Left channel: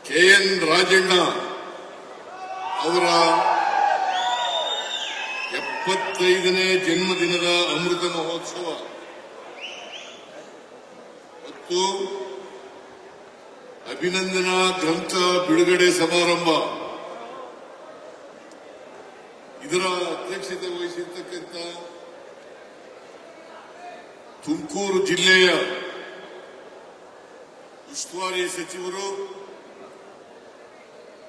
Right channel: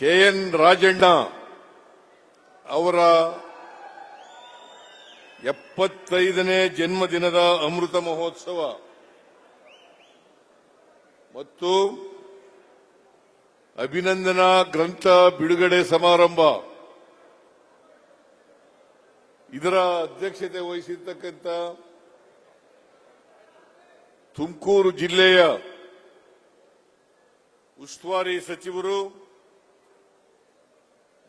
KN Rajanna ಅವರ 75ನೇ ಜನ್ಮದಿನದ ಅಮೃತ ಮಹೋತ್ಸವ ಮತ್ತು ಅಭಿನಂದನಾ ಗ್ರಂಥ ಬಿಡುಗಡೆ ಸಮಾರಂಭ ಇದರ ಅಧ್ಯಕ್ಷತೆ ವಹಿಸಿರ್ತಕ್ಕಂಥ ತುಮಕೂರು ಜಿಲ್ಲೆಯ ಉಸ್ತುವಾರಿ ಸಚಿವರು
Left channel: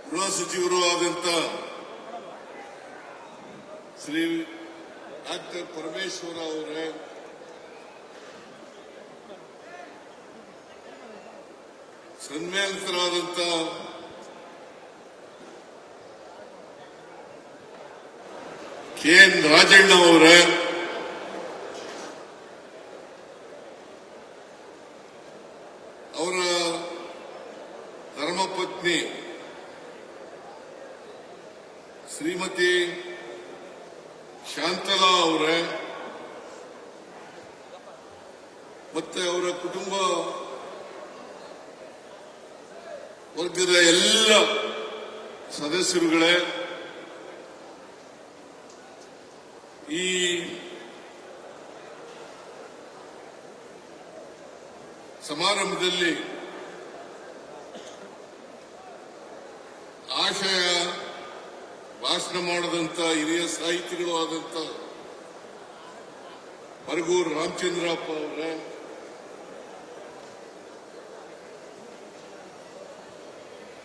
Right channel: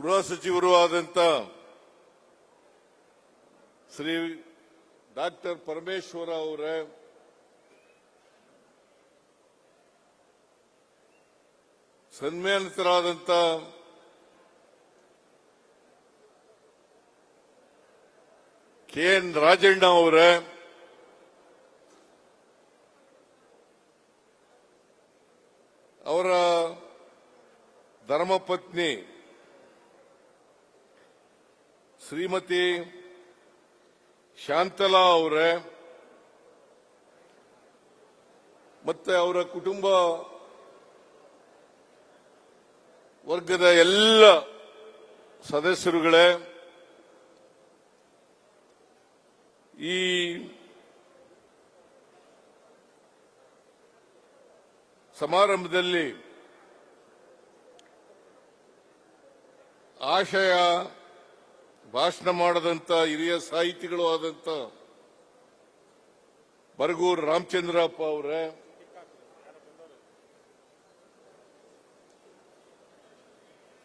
ಗೃಹ ಸಚಿವರು ಆದಂತ ಶ್ರೀ ಡಾಕ್ಟರ್ ಪರಮೇಶ್ವರ ಅವರೇ, ಸನ್ಮಾನಿತರಾದಂತ KN ರಾಜಣ್ಣ ಅವರೇ, ಅವರ ಧರ್ಮಪತ್ನಿ ಶ್ರೀಮತಿ ಶಾಂತಲಾ ಅವರೇ ಮತ್ತೆ ಅವರ ಕುಟುಂಬ ವರ್ಗದ ಎಲ್ಲ ಸದಸ್ಯರುಗಳೇ, ಈ ಸಮಾರಂಭದಲ್ಲಿ ಆಶಯ ಭಾಷಣ ಮಾಡಿದಂತ ಹಿರಿಯ ಸಾಹಿತಿಗಳು ಆದಂತ ಬರಗೂರು ರಾಮಚಂದ್ರಪ್ಪ ಅವರೇ,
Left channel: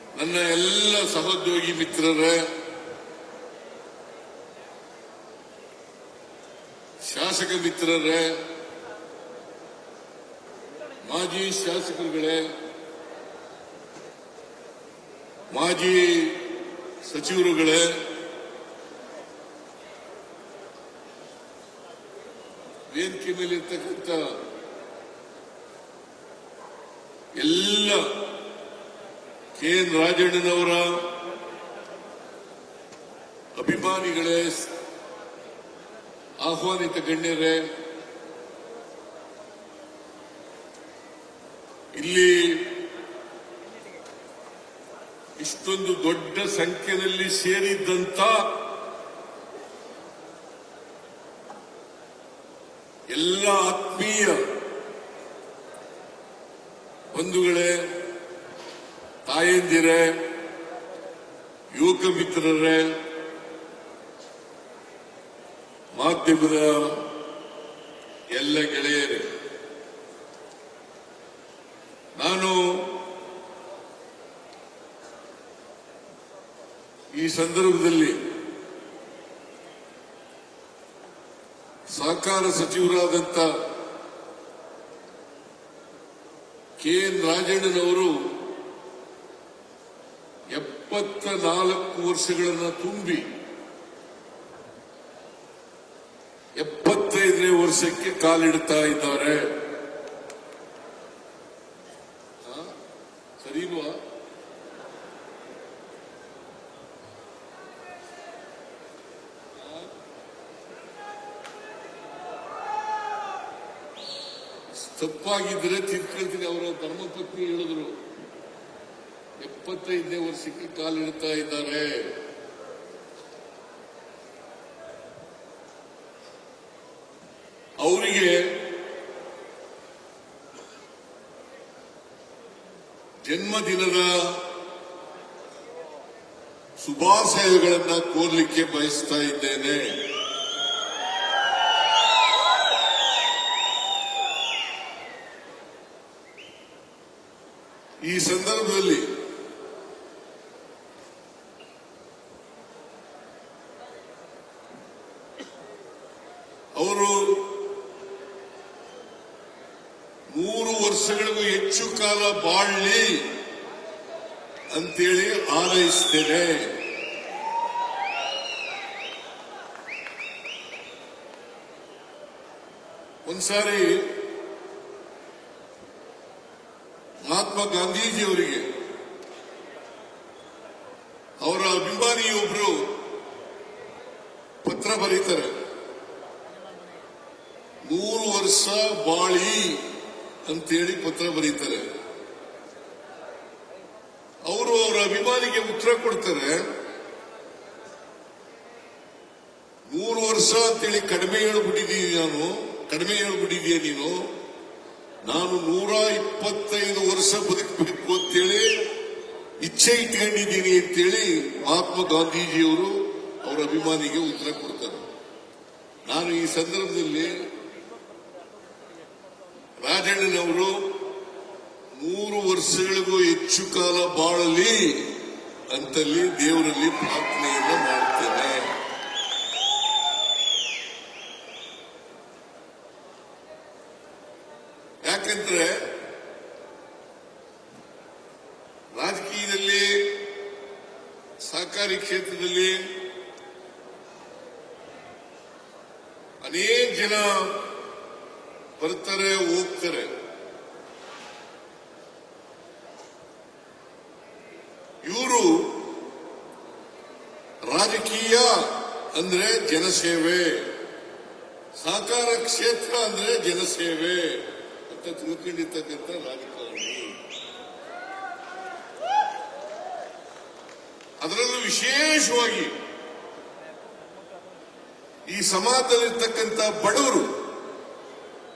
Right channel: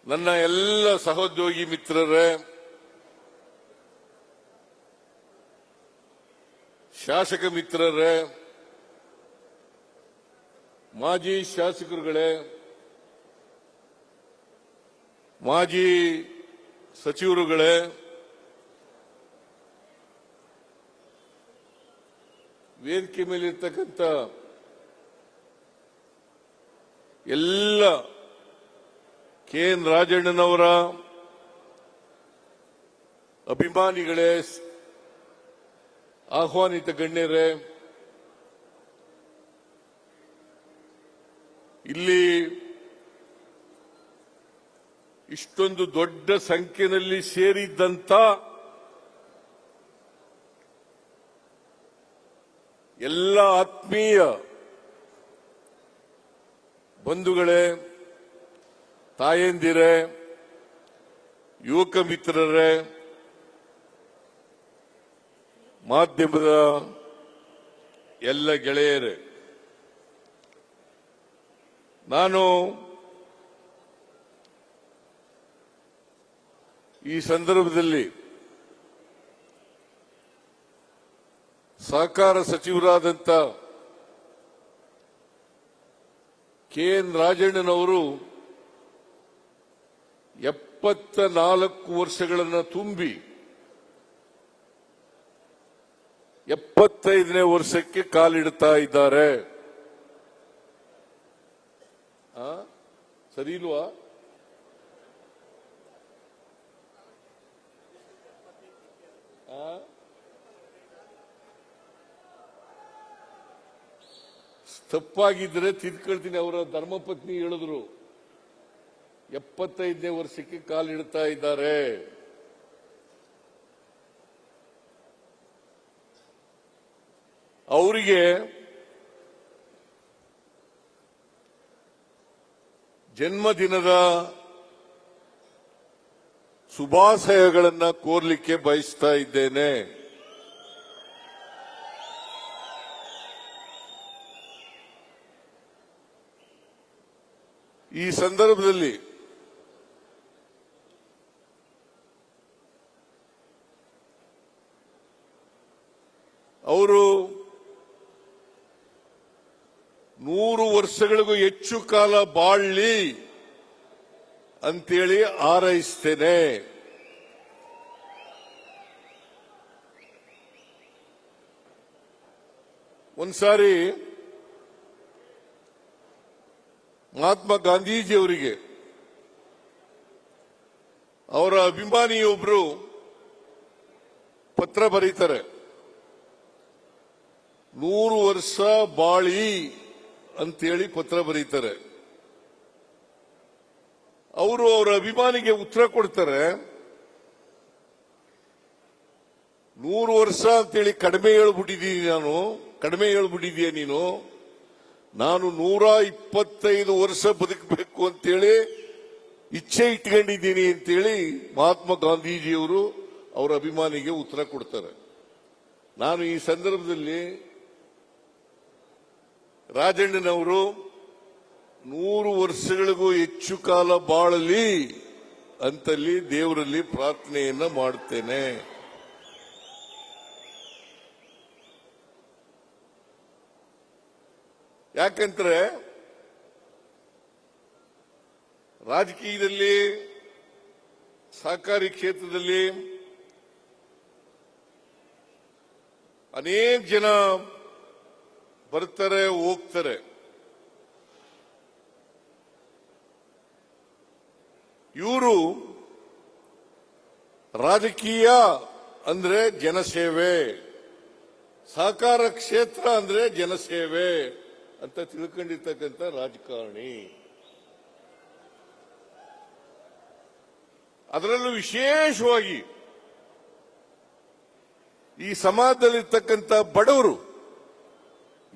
ನನ್ನ ಎಲ್ಲ ಸಹೋದ್ಯೋಗಿ ಮಿತ್ರರೇ, ಶಾಸಕ ಮಿತ್ರರೇ, ಮಾಜಿ ಶಾಸಕರುಗಳೇ, ಮಾಜಿ ಸಚಿವರುಗಳೇ, ವೇದಿಕೆ ಮೇಲೆ ಇರತಕ್ಕಂಥ ಎಲ್ಲ KN ರಾಜಣ್ಣನವರ ಅಭಿಮಾನಿಗಳೇ, ಆಹ್ವಾನಿತ ಗಣ್ಯರೇ, ಇಲ್ಲಿ ಇಷ್ಟೊಂದು ದೊಡ್ಡ ಸಂಖ್ಯೆಯಲ್ಲಿ ಸೇರಿದಂತ ಎಲ್ಲ ಆತ್ಮೀಯ ಬಂಧುಗಳೇ, ತಾಯಂದಿರೇ, ಯುವಕ ಮಿತ್ರರೇ, ಮಾಧ್ಯಮದ ಎಲ್ಲ ಗೆಳೆಯರೇ, ನಾನು ಈ ಸಂದರ್ಭದಲ್ಲಿ ಸಹಕಾರ ಸಚಿವರಾದಂಥ KN ರಾಜಣ್ಣನವರು 74 ವರ್ಷಗಳನ್ನು ತುಂಬಿ 75ನೇ ವರ್ಷಕ್ಕೆ ಕಾಲಿಡ್ತಾ ಇದ್ದಾರೆ. ಸರಿಯುವ ತಪ್ಪಾಗಿದ್ದರೆ ತಿರುಕಳಿಸಿ ಅವರ ಧರ್ಮಪತ್ನಿ ಹೇಳಿದ್ರು 75ನೇ ವರ್ಷಕ್ಕೆ ಕಾಲಿಡ್ತಾ ಇದ್ದಾರೆ. ಅವರಿಗೆ ಜನ್ಮದಿನದ ಶುಭಾಶಯಗಳನ್ನು ಕೋರಲಿಕ್ಕೆ ಬಯಸ್ತಾ ಇದ್ದೇನೆ. ಈ ಸಂದರ್ಭದಲ್ಲಿ ಅವರು 100 ವರ್ಷಗಳಿಗೂ ಹೆಚ್ಚು ಕಾಲ ಬಾಳಲಿ ಅಂತೇಳಿ ಹಾರೈಸ್ತೇನೆ. ಒಂದ್ಸಾರಿ ಮಹಾತ್ಮ ಗಾಂಧೀಜಿಯವರಿಗೆ ಅವರ ಅಭಿಮಾನಿಯೊಬ್ಬರು ಪತ್ರ ಬರೀತಾರೆ, 100 ವರ್ಷ ಬಾಳಿ ಅಂತೇಳಿ ಪತ್ರ ಬರೀತಾರೆ. ಅವರು ಅವರ ಅಭಿಮಾನಿಗೆ ಉತ್ತರ ಕೊಡ್ತಾರೆ, 100 ವರ್ಷ ಅಂತೇಳಿ ಕಡಿಮೆ ಹೇಳ್ಬಿಟ್ಟಿದ್ದೀನಿ ನಾನು 125 ವರ್ಷ ಬದುಕಬೇಕು ಅಂತೇಳಿ ಇಚ್ಛೆ ಇಟ್ಕೊಂಡಿದ್ದೀನಿ ಅಂತೇಳಿ ಮಹಾತ್ಮ ಗಾಂಧೀಜಿಯವರು ಅವರ ಅಭಿಮಾನಿಗೆ ಉತ್ತರ ಕೊಡ್ತಾರೆ. ನಾನು ಈ ಸಂದರ್ಭದಲ್ಲಿ ರಾಜಣ್ಣನವರು 100 ವರ್ಷಗಳಿಗೂ ಹೆಚ್ಚು ಕಾಲ ಬಾಳಲಿ ಅಂತಲ್ಲಿ ದೇವರಲ್ಲಿ ಪ್ರಾರ್ಥನೆಯನ್ನು ಮಾಡ್ತೇನೆ. ಯಾಕಂದ್ರೆ ರಾಜಕೀಯದಲ್ಲಿ, ಸಹಕಾರಿ ಕ್ಷೇತ್ರದಲ್ಲಿ ಅನೇಕ ಜನ ಬರ್ತಾರೆ ಹೋಗ್ತಾರೆ. ಇವರು ರಾಜಕೀಯ ಅಂದ್ರೆ ಜನಸೇವೆ, ಸಹಕಾರ ಕ್ಷೇತ್ರ ಅಂದ್ರೆ ಜನಸೇವೆ ಅಂತ ತಿಳ್ಕೊಂಡಿರ್ತಕ್ಕಂಥ ರಾಜಕಾರಣಿ. ಅದರಲ್ಲೂ ವಿಶೇಷವಾಗಿ ಈ ಸಮಾಜದಲ್ಲಿರ್ತಕ್ಕಂಥ ಬಡವರು,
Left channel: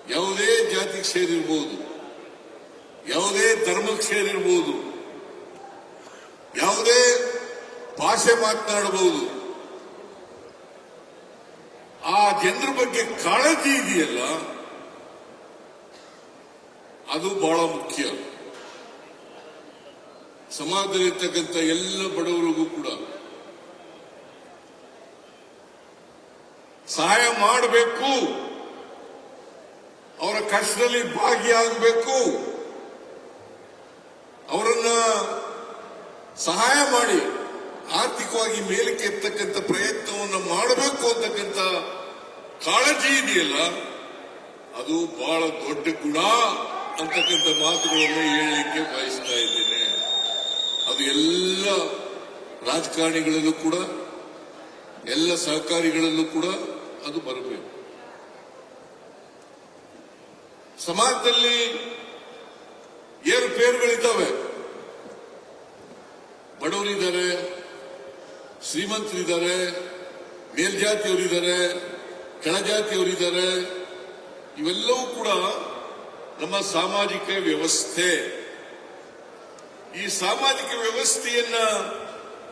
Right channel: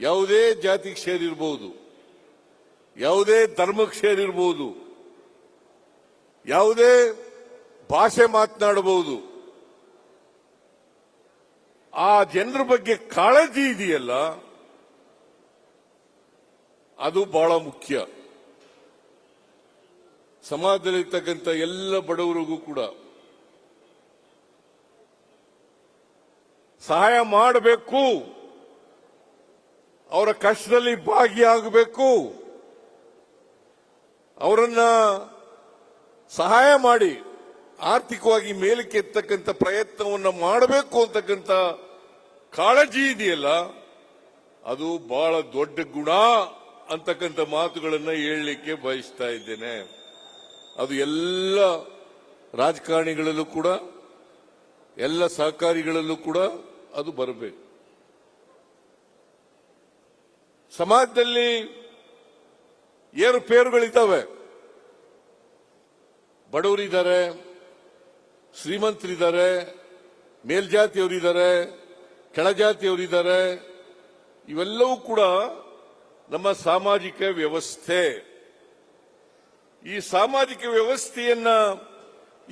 ಯಾವುದೇ ಜಾತಿಗೆ ಸೇರಿರಬಹುದು, ಯಾವುದೇ ಧರ್ಮಕ್ಕೆ ಸೇರಿರಬಹುದು, ಯಾವುದೇ ಭಾಷೆ ಮಾತನಾಡಬಹುದು, ಆ ಜನರ ಬಗ್ಗೆ ಕಾಳಜಿ ಇದೆಯಲ್ಲ ಅದು ಬಹಳ ಮುಖ್ಯ. ಸಮಾಜದಲ್ಲಿರ್ತಕ್ಕಂಥ ಎಲ್ಲ ಬಡವರಿಗೂ ಕೂಡ ಸಹಾಯ ಮಾಡಬೇಕು, ಅವರ ಕಷ್ಟದಲ್ಲಿ ಭಾಗಿಯಾಗಬೇಕು, ಅವರನ್ನ ಸಹಾಯ ಮಾಡಿ ಆರ್ಥಿಕವಾಗಿ ಮೇಲಕ್ಕೆ ಎತ್ತಕ್ಕಂಥ ಪ್ರಯತ್ನವನ್ನು ಮಾಡಬೇಕು ಅಂತಕ್ಕಂಥ ಕಾಳಜಿ ಇದೆಯಲ್ಲ ಅದು ಬಹಳ ದೊಡ್ಡ ಗುಣ ಅಂತಕ್ಕಂಥ ಮಾತುಗಳನ್ನು ಹೇಳಲಿಕ್ಕೆ ಬಯಸ್ತಾ ಇದ್ದೇನೆ. ಅದು ಎಲ್ಲ ರಾಜಕಾರಣಿಗಳಲ್ಲೂ ಕೂಡ, ಎಲ್ಲ ಸಹಕಾರಿಗಳಲ್ಲೂ ಕೂಡ ಅದು ಬರಬೇಕು. ಸಮಾಜದಲ್ಲಿ ಏರುಪೇರುಗಳಿದ್ದಾವೆ. ಬಡವರಿದ್ದಾರೆ, ಶ್ರೀಮಂತರಿದ್ದಾರೆ, ಮೇಲ್ಜಾತಿಯವರಿದ್ದಾರೆ, ಕೆಳಜಾತಿಯವರಿದ್ದಾರೆ. ಇವೆಲ್ಲವೂ ಕೂಡ ನಮ್ಮ ಸಾಮಾಜಿಕ ವ್ಯವಸ್ಥೆ. ಈ ಸಾಮಾಜಿಕ ವ್ಯವಸ್ಥೆಯನ್ನ,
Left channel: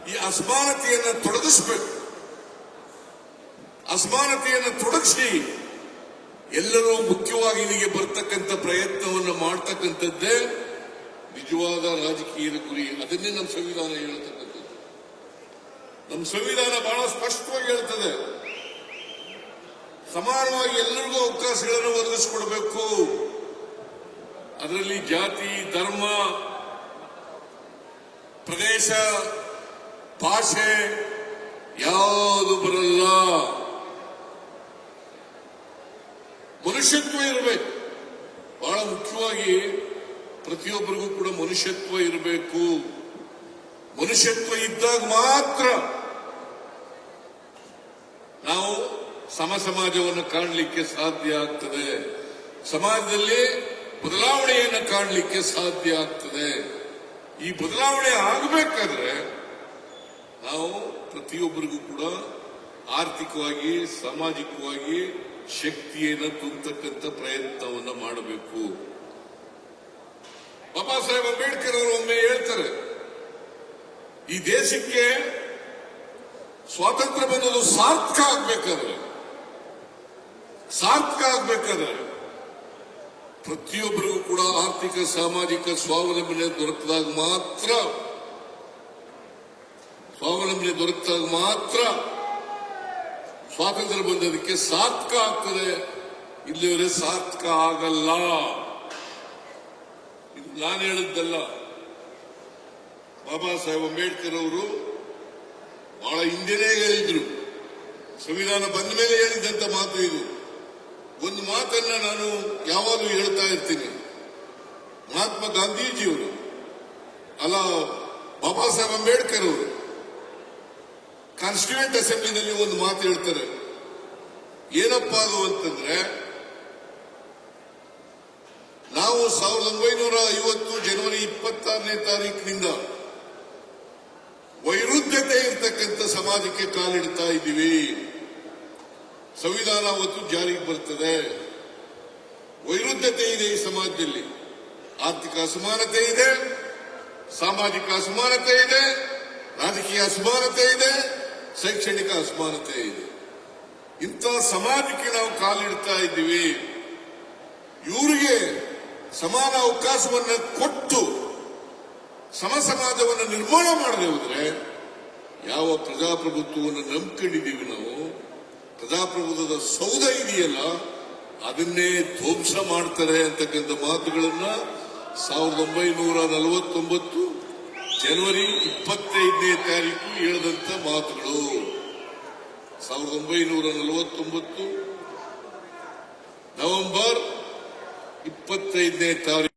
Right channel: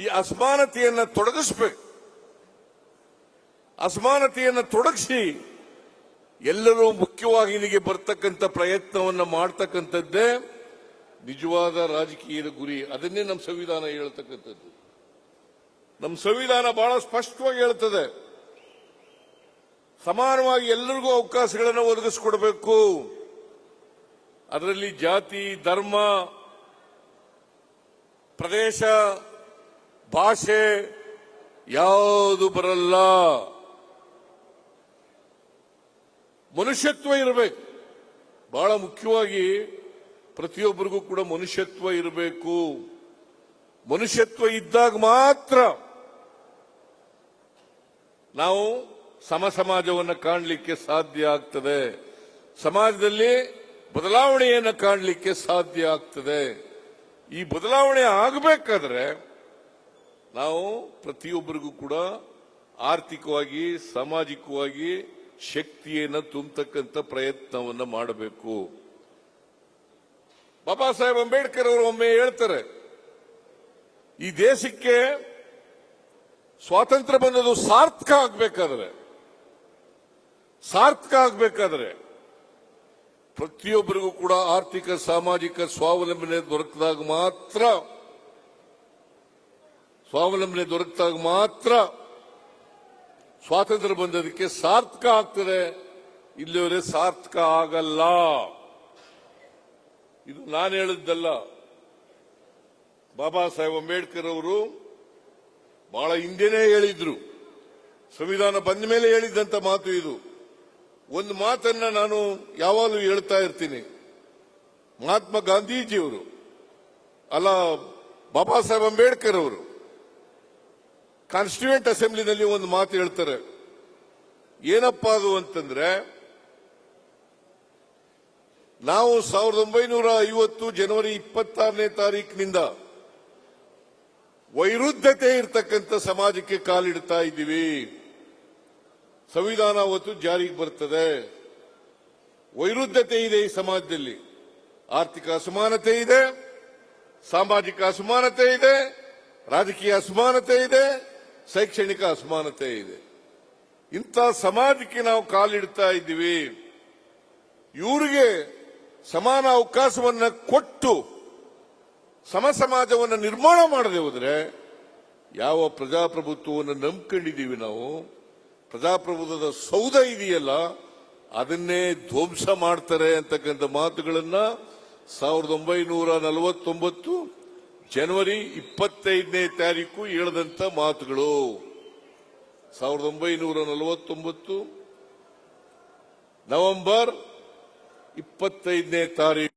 ಈ ಅಸಮಾನತೆಯನ್ನ ತೊಡಗಿಸಬೇಕು. ಅಸಮಾನತೆಯನ್ನು ತೊಡಗಿಸಿ ಎಲ್ಲರೂ ಮುಖ್ಯವಾಗಿ ಇಲ್ಲಿಗೆ ಬರ್ತಕ್ಕಂಥ ಪ್ರಯತ್ನವನ್ನು ಮಾಡತಕ್ಕಂಥದ್ದೇ ನಿಜವಾದ ರಾಜಕೀಯ ಗುರಿ. ಅದನ್ನೇ ನಮ್ಮ ಸಂವಿಧಾನ ಹೇಳ್ತಕ್ಕಂಥದ್ದು. ನಮ್ಮ ಸಂವಿಧಾನ ಬಹಳ ಸ್ಪಷ್ಟವಾಗಿ ಹೇಳ್ತದೆ, ಸಮಾನವಾಗಿ ಎಲ್ಲರಿಗೂ ಅವಕಾಶಗಳನ್ನು ಒದಗಿಸಿಕೊಡಬೇಕು. ಅದರಲ್ಲಿ ಜಾತಿ, ಧರ್ಮ, ಪ್ರದೇಶ, ಭಾಷೆ ಯಾವುದು ಬರಲ್ಲ. ಮನುಷ್ಯತ್ವ ಇರಬೇಕು. ಬಹಳ ಮುಖ್ಯವಾಗಿ ಪ್ರತಿಯೊಬ್ಬರಿಗೂ ಕೂಡ ಮನುಷ್ಯತ್ವ ಇರಬೇಕು. ಮನುಷ್ಯತ್ವ ಇದ್ದಾಗ ಮಾತ್ರ ನಾವು ಸಮಾಜವನ್ನು ಕಾಣಲಿಕ್ಕೆ ಸಾಧ್ಯ ಆಗ್ತದೆ. ಸಮಾಜದಲ್ಲಿ ಬದಲಾವಣೆಯನ್ನು ಕಾಣಲಿಕ್ಕೆ ಸಾಧ್ಯ ಆಗ್ತದೆ. ಈ ಬದಲಾವಣೆ ಆಗಬೇಕಾದ್ರೆ ನಾವು ಪ್ರತಿಯೊಬ್ಬರಿಗೂ ಕೂಡ ಆರ್ಥಿಕವಾಗಿ, ಸಾಮಾಜಿಕವಾಗಿ ಶಕ್ತಿಯನ್ನು ತುಂಬತಕ್ಕಂಥ ಪ್ರಯತ್ನವನ್ನು ಮಾಡಬೇಕು. ಬಾಬಾ ಸಾಹೇಬ್ ಅಂಬೇಡ್ಕರ್ ಒಮ್ಮೆ ಹೇಳ್ತಾರೆ, ಈ ದೇಶಕ್ಕೆ ಸ್ವಾತಂತ್ರ್ಯ ಬಂದದ್ದು ಸಾರ್ಥಕ ಆಗ್ಬೇಕಾದ್ರೆ ಪ್ರತಿಯೊಬ್ಬರಿಗೂ ಕೂಡ ಆರ್ಥಿಕ, ಸಾಮಾಜಿಕ ಸ್ವಾವಲಂಬನೆ ದೊರಕಿದಾಗ ಮಾತ್ರ ಸ್ವಾತಂತ್ರ್ಯ ಬಂದದಕ್ಕೆ ಸಾರ್ಥಕ ಆಗ್ತದೆ. ಇಲ್ಲಿವರೆಗೆ ಸಾರ್ಥಕ ಆಗಲ್ಲ. ಇದು ನಾನು ಹೇಳಿದ್ದಲ್ಲ, ಬಾಬಾ ಸಾಹೇಬ್ ಅಂಬೇಡ್ಕರ್ ಅವರು ಬಹಳ ಹಿಂದೆನೇ ಹೇಳಿದ್ರು. ಸಂವಿಧಾನ ಬಂದ ಮೇಲೆ ಹೇಳಿದ್ದಂತ ಮಾತು ಇದು. ಒಂದು ಮಾತನ್ನ ನಾನು ಯಾವಾಗಲೂ ಹೇಳ್ತಾ ಇರ್ತೀನಿ. ಮಹಾತ್ಮ ಗಾಂಧೀಜಿಯವರು ಅಲ್ಲ, ಬಾಬಾ ಸಾಹೇಬ್ ಅಂಬೇಡ್ಕರ್ ಅವರು ಕಾನ್ಸ್ಟಿಟ್ಯೂಂಟ್ ಅಸೆಂಬ್ಲಿನಲ್ಲಿ ಒಂದು ಮಾತು ಹೇಳ್ತಾರೆ. ಏನಪ್ಪಾ ಅದು ಅಂತಂದ್ರೆ, ನಾವು 1950 ಜನವರಿ 26ನೇ ತಾರೀಕಿನಿಂದ ವೈರುಧ್ಯತೆ ಇರ್ತಕ್ಕಂಥ ಸಮಾಜಕ್ಕೆ ಕಾಲಿಡ್ತಾ ಇದ್ದೀವಿ. ಸಂವಿಧಾನ ಒಂದು ಜಾರಿಗೆ ಬರುತ್ತದೆ. ವೈರುಧ್ಯತೆ ಇದೆ ಈ ಸಮಾಜದಲ್ಲಿ. ಆರ್ಥಿಕ ಅಸಮಾನತೆ ಇದೆ, ಸಾಮಾಜಿಕ ಅಸಮಾನತೆ ಇದೆ, ರಾಜಕೀಯ ಅಸಮಾನತೆ ಇದೆ, ಶೈಕ್ಷಣಿಕ ಅಸಮಾನತೆ ಇದೆ. ಇಂಥ ಸಮಾಜಕ್ಕೆ ನಾವು ಕಾಲಿಡ್ತಾ ಇದ್ದೀವಿ. ಇವರಿಗೆ ಸಮಾನ ಅವಕಾಶವನ್ನು ಕೊಟ್ಟು ಸಮ ಸಮಾಜವನ್ನು ನಿರ್ಮಾಣ ಮಾಡಬಹುದ್ರೆ ಯಾವ ಪ್ರಜಾಪ್ರಭುತ್ವವನ್ನು ನಂಬಿಕೊಂಡಿದ್ದೀವಿ ನಾವು? ಪ್ರಜಾಪ್ರಭುತ್ವದ ಸೌಧ ಇದೆಯಲ್ಲ, ಅದನ್ನೇ ಧ್ವಂಸ ಮಾಡ್ತಾರೆ ಅಂತಕ್ಕಂಥ ಮಾತುಗಳನ್ನ 1949 ಜನವರಿ 25ನೇ ತಾರೀಕು ಹೇಳಿದಂತ ಮಾತುಗಳು. 1949 ನವೆಂಬರ್ 25ನೇ ತಾರೀಕು